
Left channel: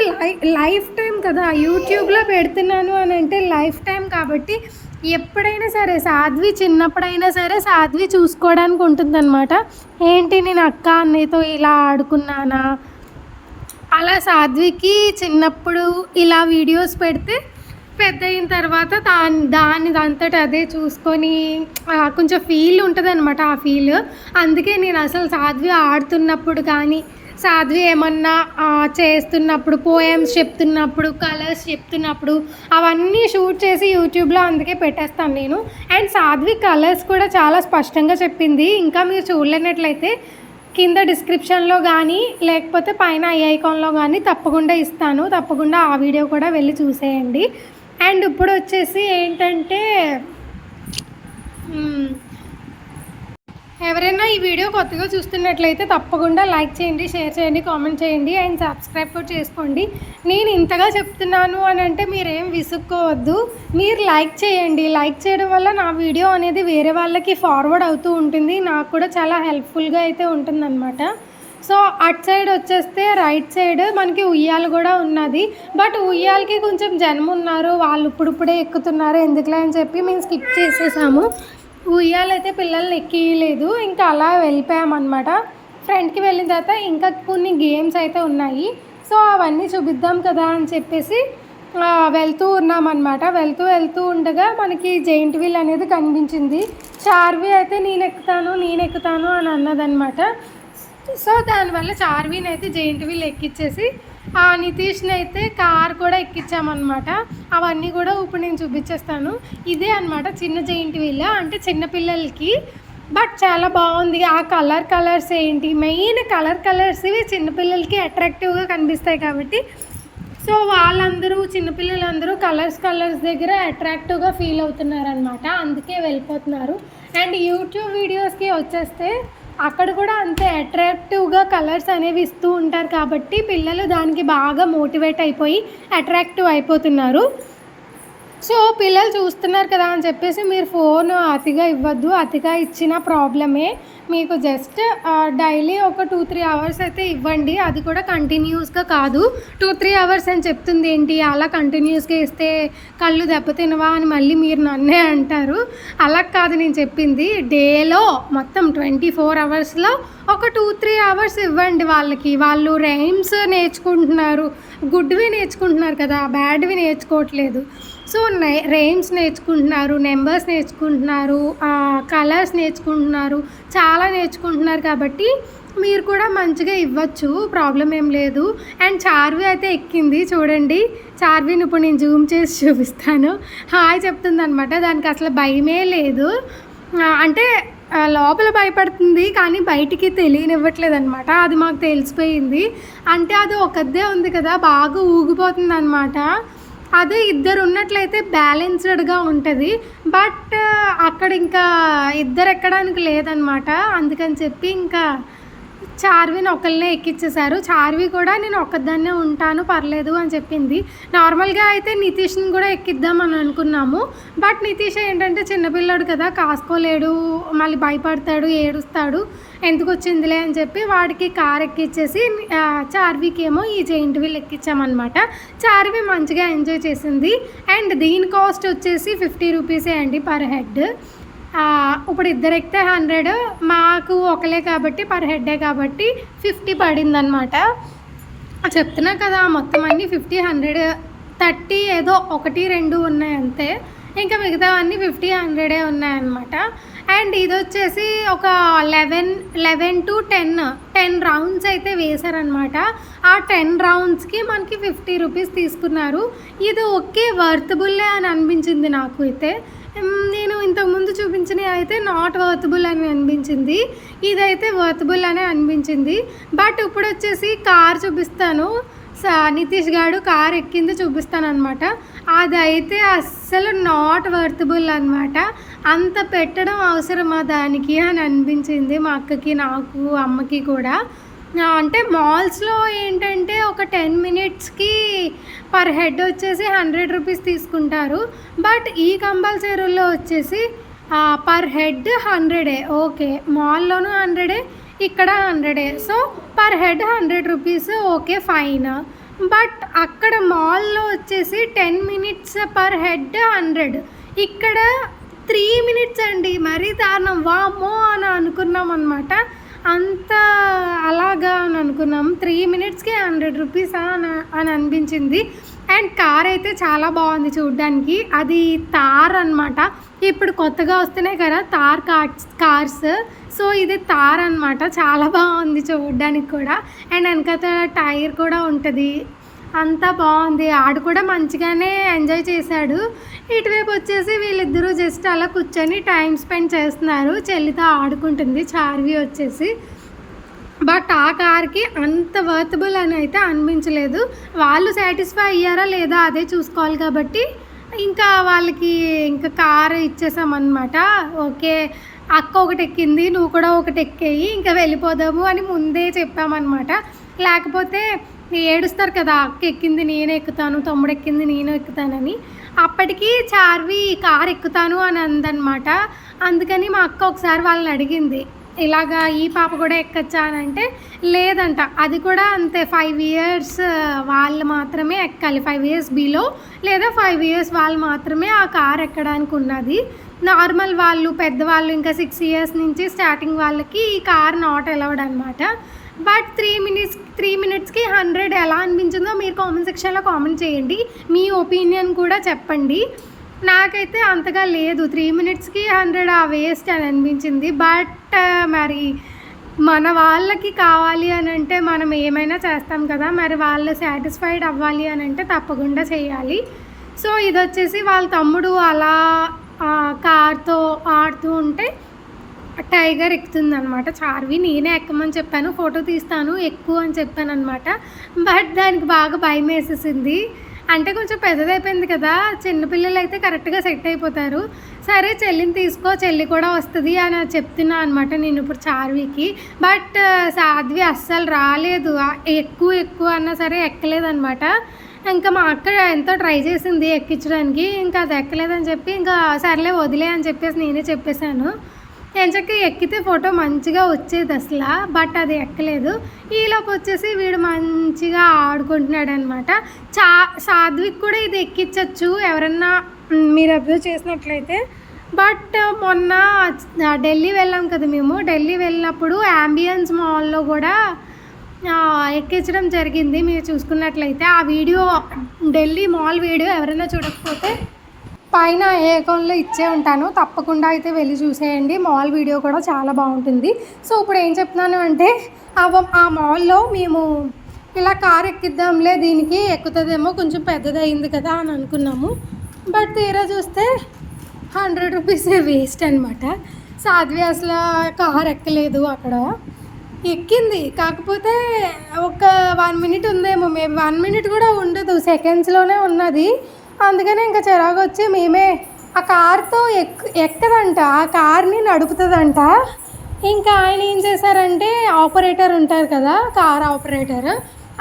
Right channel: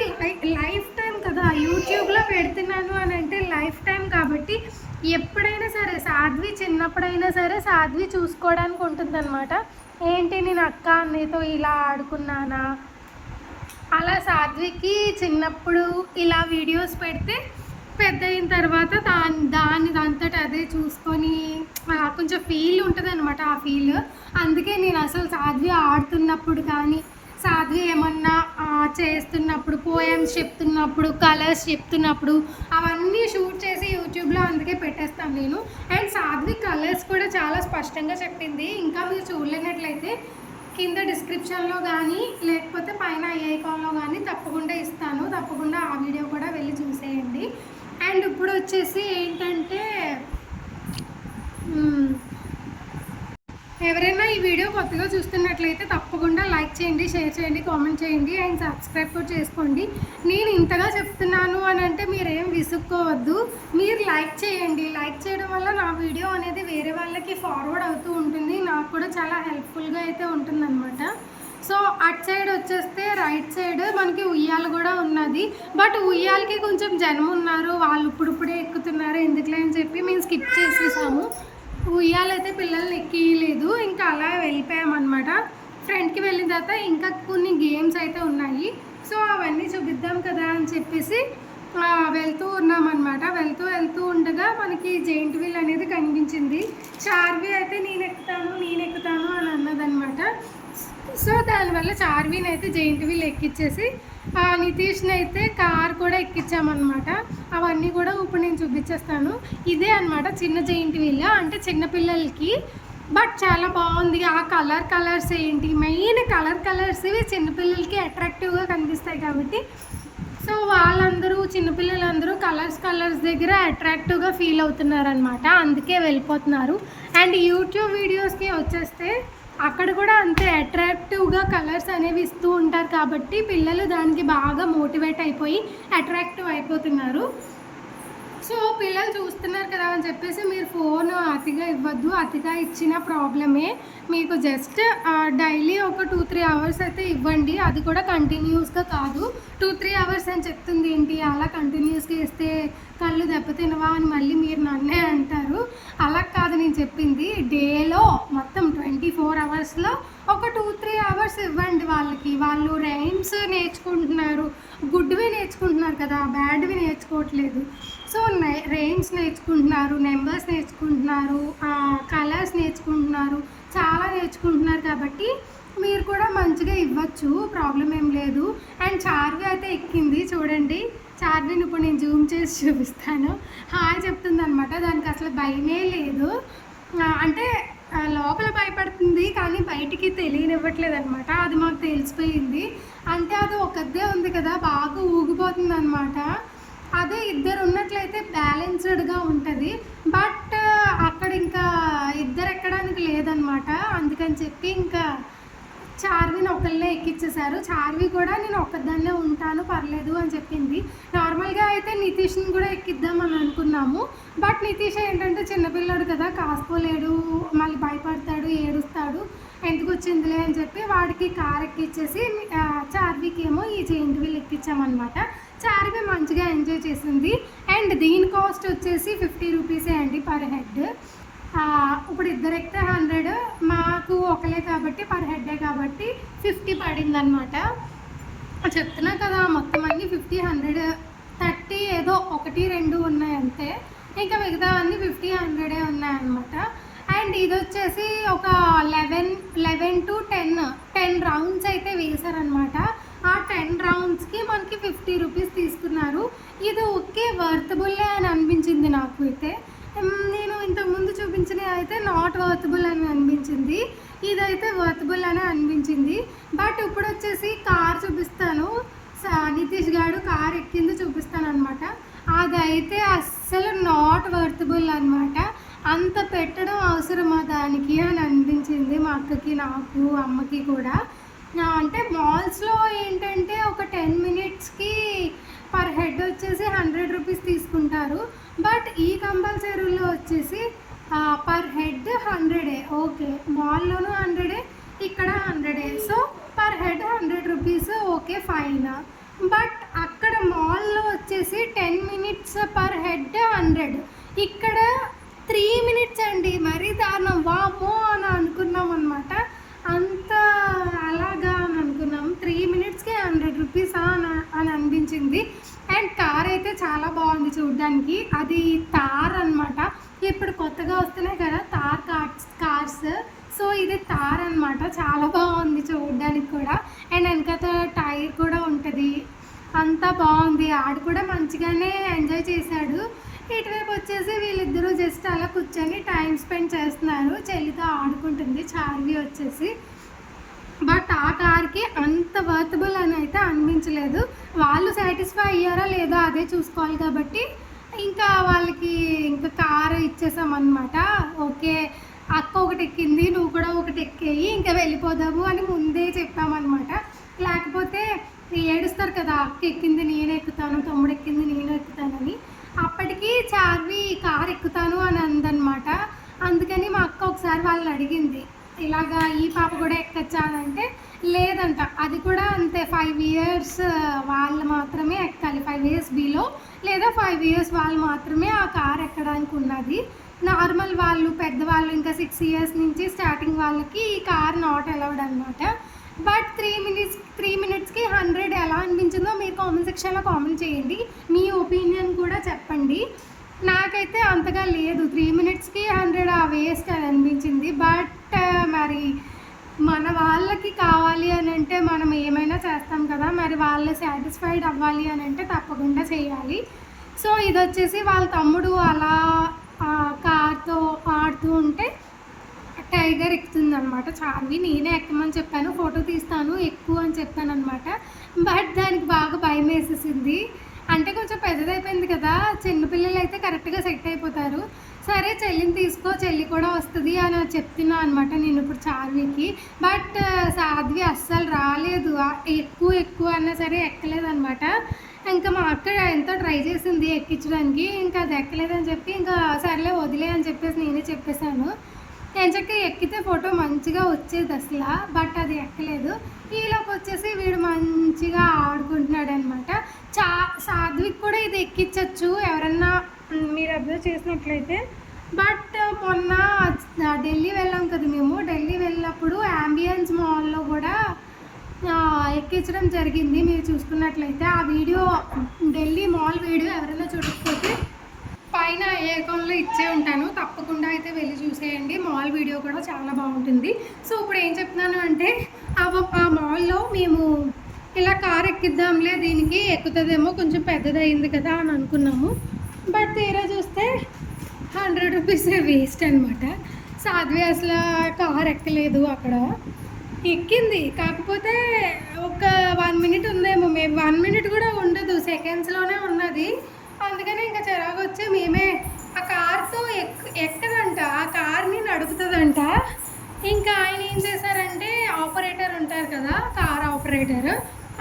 లైఫ్ టైం కదా, యూట్యూబ్లో పెడుతున్నాను అని అంటే లైఫ్ టైం కాబట్టి ఎప్పుడైనా సరే సాధ్వి చిన్నప్పుడైనా సరే సాధ్వి చూసుకోవడానికి ఉంటుందన్నమాట. ఏంటి నేను అక్క అన్నయ్యతో ఇలా ఆడుకున్నానా, అలా సాధ్వికి చిన్నప్పుడు ఇలా వీడియోస్ పెడితే పెద్ద అయిన తర్వాత దానిదంతట అదే చూసుకొని కొంచెం ఫీల్ ఉంటుంది అనమాట. ఆ ఫీల్ అందుకే నేను అసలు సాధ్వి ఆడుతున్నప్పుడు కానీ, సాధ్వి ఏమన్నా చేస్తున్నప్పుడు, పోయమ్స్ చెప్తున్నప్పుడు, కలర్స్ చెప్తున్నప్పుడు అవన్నీ షూట్ చేసి యూట్యూబ్లో అందుకే పెట్టేస్తాను నేను. అండ్ సాధ్వి కలర్స్ కూడా చాలా స్పష్టంగా చెప్పింది. ఇంకా మీరు చూడలేనట్లయితే కింద డిస్క్రిప్షన్లో కానీ లేకపోతే పైన ఐ ఐకాన్లో కానీ తప్పకుండా ఇస్తాను, తప్పకుండా ఆ వీడియో కూడా వెళ్ళి చూసేయండి. అండ్ ఇప్పుడు వచ్చేసి ఏంటంటే ఎవరైనా ఈ వీడియో కొత్తగా చూస్తున్నట్లయితే తప్పకుండా లైక్ చేయండి, షేర్ చేయండి, కామెంట్ చేయండి అండ్ సబ్స్క్రైబ్ కూడా చేసుకోండి. నేను ఇంతగా చెప్తున్నాను అని అంటే మీరేం విసుక్కోవద్దు, మీరు లైక్ చేయండి. లైక్ చేయడం వల్ల నా వీడియో అనేది వేరే వాళ్ళకి ఫార్వర్డ్ అవుతూ ఉంటుంది, నాకు కూడా చాలా హెల్ప్ఫుల్గా అయితే ఉంటుందన్నమాట. సో అటు సైడ్ వచ్చేస్తే రైట్ సైడ్ మనకి ఉయ్యాల కూడా ఉన్నది. బట్ ఉయ్యాలకి కొంచెం జనం ఉన్నారు, వాళ్ళు ఇప్పుడిప్పుడే ఎక్కుతున్నారు ఎందుకులే అని చెప్పి మేము స్కిప్ చేసేసాము. ఉయ్యాలైతే పిల్లల్ని ఎక్కియలేదు, ఇంకా అలా వెళ్ళిపోయామన్నమాట. ఫ్రంట్కి వెళ్ళిన తర్వాత ఇంకా కొన్ని గేమ్స్ అయితే ఉన్నాయి, సో అవన్నీ చూపిద్దాం కదా అని చెప్పేసి వెళ్తూ ఉన్నామన్నమాట. వెళ్తూ ఉండగా మనకి జైంట్ వీల్ అనేది కనిపించింది. చార్వి అయితే నేను ఎక్కుతాను అని అన్నదన్నమాట. సో దానివల్ల చార్విని అయితే జైంట్ వీల్ ఎక్కిచ్చేసి నితీష్ని అయితే కార్ కూడా ఎక్కించామన్నమాట. అవన్నీ కూడా ఇప్పుడు నేను చూపించేస్తాను. ఇదే అనమాట చిన్న జెయింట్ వీల్, అంటే చిన్నపిల్లలకి. బట్ చాలా బాగుంది. ఆ కలర్స్ ఏంటి, మెయిన్ కలర్స్ ఇవి చిన్నపిల్లలకి అట్రాక్టివ్గా కనిపిస్తాయి కాబట్టి సో వాళ్ళందరూ చిన్నపిల్లలందరూ కలర్స్ దగ్గర అట్రాక్టివ్గా ఫీల్ అవుతున్నారనమాట. అందుకే వెళ్ళిపోతున్నారు. అండ్ యూట్యూబ్ వీడియోస్కి వచ్చేస్తే అక్కడ కూడా అంతే అట్రాక్టివ్గా కలర్స్ అనేవి ఇస్తూ ఉంటారు కాబట్టి పిల్లలు దానికి బాగా మోటివేట్ అయిపోయి అట్రాక్టివ్ అయిపోతున్నారు. సో పిల్లలు చూస్తున్నారు కదా అని చెప్పేసి మీరు ఫోన్ అతిగా ఇవ్వద్దు. అతిగా ఇచ్చిన ప్రాబ్లమే. మీకు జస్ట్ డైలీ ఒక 2-3 అవర్స్ అయితే ఇవ్వండి. అది కూడా కంటిన్యూస్గా కాదు. 2-3 అవర్స్ అని చెప్తుంది ఏంటి, అలా కంటిన్యూస్గా ఇస్తే కళ్ళు దెబ్బతినవా అని మళ్ళీ మీరు నన్నే అంటారు. అలా కాదు నేను చెప్పింది. డేలో మొత్తం 24 అవర్స్లో ఒక 2-3 అవర్స్ ఇవ్వండి వాళ్ళకి. వాళ్ళు రైమ్స్ నేర్చుకుంటున్నారు, గుడ్వి నేర్చుకుంటున్నారు కదా, బ్యాడ్వి నేర్చుకోవట్లేదు. సో రైమ్స్ నేర్చుకుంటున్నారు, నెంబర్స్ నేర్చుకుంటున్నారు, కలర్స్ నేర్చుకుంటున్నారు, చాలా నేర్చుకుంటున్నారు కాబట్టి మీరు కూడా మంచిగా ఇవ్వచ్చు, ప్రాబ్లం ఏం లేదు. అండ్ చార్వి అయితే ఎక్కింది చూడండి. చార్విని ఇప్పుడు నేను జూమ్ చేసి చూపిస్తాను. హాయ్ చెప్తుంది అనమాట. దానికి అసలు భయమే లేదు. అంటే లోపల భయపడుతుంది కానీ బయటికి తెలియనివ్వట్లేదు అనమాట. అది మాకు తెలిసిపోయింది. అంటే అది ఒకదే ఉంది కదా, బాగా ఊగిపోతుంది అనమాట. అదే ఇద్దరు ఉన్నట్లయితే బ్యాలెన్స్డ్గా ఉంటుంది. బట్ అక్కడ ఇంకా ఇద్దరు ఎక్కడానికి లేదనమాట. అందుకని చెప్పి ఇంకా చార్విని ఒకళ్ళనే ఎక్కించేశారు. చార్వి కూడా నేను ఒక్కదాన్నే ఉంటాను పర్లేదు అని చెప్పింది. నార్మల్గా అయితే నితీష్ని కూడా ఎక్కిద్దామని అనుకున్నాము. బట్ నితీష్ ఏంటంటే చిన్నపిల్లాడు కదా, కాసుకోలేడు, మళ్ళీ భయపడతాడు, ఏడుస్తాడు, ఎందుకు వచ్చిందిలే అని చెప్పి వాడికి కార్ ఎక్కిచ్చేసి చార్వికి ఏమో ఈ జెయింట్ వీల్ ఎక్కించామన్నమాట. చార్వి మంచిగా ఎంజాయ్ చేసింది. అండ్ దీని కాస్ట్ వచ్చేసి 50 రూపీసే అండి పర్ హెడ్. ఇప్పుడు ఇద్దరు ఎక్కితే 100, మాకు ఒకలే కాబట్టి పర్ హెడ్డే కాబట్టి 50 పడింది అనమాట. చెప్తున్నా కదా మొత్తం అన్నీ 50, 100, 30 ఏదో 1-2 ఉన్నాయి అంతే. ఇంకా మిగతావన్నీ 50, 100 ఉన్నాయన్నమాట. అండ్ ఇది వచ్చేసి ఒక 11 to 10 రౌండ్స్ అయితే వేశారనమాట. ఆ 10 రౌండ్స్కి మనకి 50 రూపీస్ తీసుకున్నారు. ఇది ఓకే వర్తబుల్లే అని అనిపించింది నాకు అయితే. నేను ఇంతకుముందు చూపించినవి అయితే నాట్ వర్తబుల్ అని అనిపించింది, ఇదైతే వర్తబుల్ అనే అనిపించింది. బట్ ఇప్పుడు వచ్చేసి కార్ చూపిస్తాను. నితీష్ గారు కార్ ఎక్కింది చూపిస్తాను అనమాట. అదైతే అస్సలు నాట్ వర్తబుల్ అనమాట. అంత పెట్టడం అవసరమా దానికి అని అనిపించింది మా అక్కకి, నాకు, అమ్మకి కూడా. అంటే మాల్స్లో ఏంటంటే ఒక 10 మినిట్స్కి పర్ హెడ్ వచ్చేసి 100 రూపీస్ తీసుకుంటారు. బట్ ఈ కంపల్సరీలో వచ్చేసి పర్ హెడ్ 100. ఓకే, మాల్లోనూ 100, ఇక్కడ 100. So per head 100 rupees, okay fine. But అక్కడ మాల్లో వచ్చేసి 10 మినిట్స్ పర్ హెడ్ 100, ఇక్కడ 3 మినిట్స్ అండి. మరీ దారుణం, వామ్మో అని అనుకున్నాం అనమాట. అంత అలాగా అని అనుకున్నాం. 3 మినిట్స్కి 100 రూపీస్ అని అనిపించింది. అండ్ కార్ అయితే చాలా బాగుంది చూడ్డానికి. అది తార్ అనమాట. ఇప్పుడు కొత్తగా వస్తున్నాయి కదా తార్ కార్స్. సో ఇది తార్ అనమాట. చాలా బాగుంది చూడడానికి కూడా. అండ్ వెనకాల టైర్ కూడా ఉంటుంది. అంతా బాగుంది. ఆడు కూడా మంచిగానే ఎంజాయ్ చేశాడు. ఇటువైపు వచ్చేసి వీళ్ళిద్దరూ జస్ట్ అలా కూర్చొని టైం స్పెండ్ చేస్తున్నారు. చెల్లితో ఆడుకుంటుంది చార్వి వచ్చేసి. బట్ ఆ కార్కి అంత వర్తబుల్ అని అయితే అనిపించలేదు. వాళ్ళు సాటిస్ఫై అయ్యారా లేదా అదే చూసుకోవాలి కాబట్టి ఇంకా వాళ్ళకి ఇంకా కారు ఇచ్చేసామన్నమాట. ఓకే అక్క ఒకటి ఎక్కింది, నువ్వు కూడా ఒకటి ఎక్కేయి, ఇంకా వెళ్ళిపోదాము అని ముందే చెప్పామన్నమాట. లేకపోతే ఏడుస్తారు కదా, అక్క ఎక్కింది నేనే ఎక్కుతాను, తమ్ముడు ఎక్కింది నేను ఎక్కుతానని. అప్పటికి చార్వి కారు ఎక్కుతాను అని అందనమాట. అందుకని మా అక్క ఒకసారి వాళ్ళని అడిగింది, ఇలాగా ఈ పాప కూడా ఎక్కచ్చా అని అంటే లేదంట. అది కూడా అంతే 5 ఇయర్స్ వాళ్ళు మాత్రమే ఎక్కాలి. 5 ఇయర్స్ బిలో లేదా 5 ఇయర్స్ వాళ్ళు మాత్రమే ఆ కార్ ఎక్కడానికి ఉన్నది. నార్మల్ వాళ్ళు పెద్దవాళ్ళు ఇంకా 6 ఇయర్స్ నుంచి స్టార్టింగ్ వాళ్ళకి ఈ కార్ నాట్ అలౌడ్ అనమాట. బట్ 3 మినిట్స్కి 100 ఎలా అనిపించిందో మీరు కామెంట్ సెక్షన్లో కామెంట్ చేయండి. మీ ఒపీనియన్ కూడా చెప్పండి. నాకైతే అంతగా లేదు, 3 మినిట్స్కి 100 వేస్ట్ అని అనిపించింది. బట్ మరి మన వాళ్ళకి కావాలి అని అంటే మనం ఏమైనా చేస్తాం కదా, మరి వాళ్ళు సాటిస్ఫైడ్ అవ్వాలి అని అంటే తప్పకుండా చేయాలి. సో ఇది వచ్చేసి వాళ్ళ తమ్ముడు అలా కార్తో ఆడుతూ ఉంటే టైగర్ ఎక్కుతుందనమాట చార్వి. నేనే ఎక్కమని చెప్పాను, ఫోటో తీస్తాను ఎక్కువ అని చెప్పాను అనమాట. బట్ దానికి బాగా భయం వేసేసింది. అంటే కొంచెం పెద్దదైపోయింది కదా, చిన్నపిల్లలు అయితే కరెక్ట్గా సెట్ అయిపోతారు. సరే చెల్లిని తీసుకో, చెల్లి కూడా వస్తుంది అని చెప్తున్నా అనమాట నేను ఇప్పుడు చార్వికి. బట్ సాధ్వి అస్సలు రాలేదు, ఎక్కువ అన్నా సరే ఎక్కలేదనమాట. ఇంకా మా అక్క ఎంతో ట్రై చేసింది ఎక్కించడానికి, ఇంకా అది ఎక్కలేదని చెప్పి ఇంకా సర్లే వదిలే అని చెప్పేసి నేనే చెప్పేశాను. ఎంచక్క ఎక్కితే ఫోటో మంచిగా వచ్చేది అసలు, బట్ అది ఎక్కలేదు. ఈలోపు వచ్చేసి వీడు మంచిగా ఆడుకుంటున్నాడు అనమాట. సాధ్విక్ కూడా ఇది ఎక్కించవచ్చు ఎవరన్నా మీరు అబ్జర్వ్ చేసినట్లయితే. బట్ మొన్న ఢిల్లీ వెళ్ళాం కదా మేము, ఢిల్లీ వెళ్ళినప్పుడు యాంబియన్స్ మాల్లో కూడా ఎక్కించడం జరిగింది. మీరు చూసుకున్నట్లయితే ఆ వీడియో, ఢిల్లీ మాల్ వీడియో ఎవరైనా చూడకపోతే పైన ఏ అకౌంట్లో ఇచ్చే ఉంటాను, తప్పకుండా అయితే వెళ్ళి చూసేయండి. మాల్ వీడియో కూడా చాలా బాగుంటుంది. సో ఇప్పుడు ఏం చెప్తున్నాను అంటే ఆ మాల్లో మేము ఇలా కార్ ఎక్కిద్దాంలే, దీనికి ఎక్కుతుందేమో, కొంచెం పెద్దదయింది కదా అని అనుకున్నాము. బట్ తీరా చూస్తే 100 రూపీస్ వేస్ట్ అనమాట. సాధ్వి అసలు కార్ ఎక్కలేదు, అక్కడ ఎక్కింది కాకపోతే ఒక 1 మినిట్ ఉందేమో, మేము 1 మినిట్ కూడా ఉండదు, సెకండ్స్లోనే ఉన్నది. అందుకనే ఇంకా చిరాకు వచ్చి మేమే ఆ కార్తో ఎక్కదంట, ఆ కార్ని నడుపుతుందంట. ఇంకా ఆయన ఏం చేశారంటే, ఆపరేటర్ ఉంటారు కదా కార్ ఆపరేటర్,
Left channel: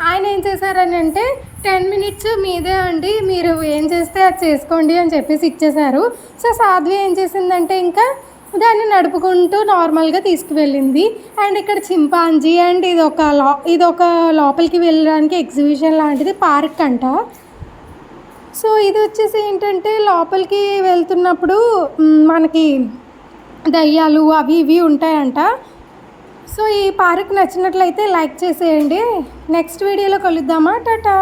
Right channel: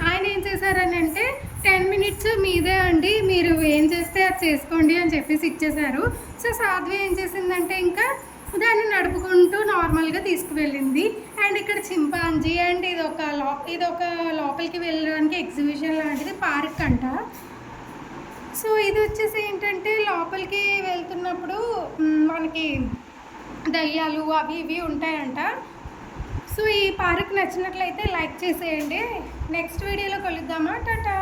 ఆయన ఏం చేశారని అంటే 10 మినిట్స్ మీదే అండి, మీరు ఏం చేస్తే అది చేసుకోండి అని చెప్పేసి ఇచ్చేశారు. సో సాధ్వి ఏం చేసిందంటే ఇంకా దాన్ని నడుపుకుంటూ నార్మల్గా తీసుకువెళ్ళింది. అండ్ ఇక్కడ చింపాంజీ అండ్ ఇదొక లోపలికి వెళ్ళడానికి ఎగ్జిబిషన్ లాంటిది, పార్క్ అంట. సో ఇది వచ్చేసి ఏంటంటే లోపలికి వెళ్తున్నప్పుడు మనకి దయ్యాలు అవి ఇవి ఉంటాయంట. సో ఈ పార్క్ నచ్చినట్లయితే లైక్ చేసేయండి. నెక్స్ట్ వీడియోలో కలుద్దామా, టాటా.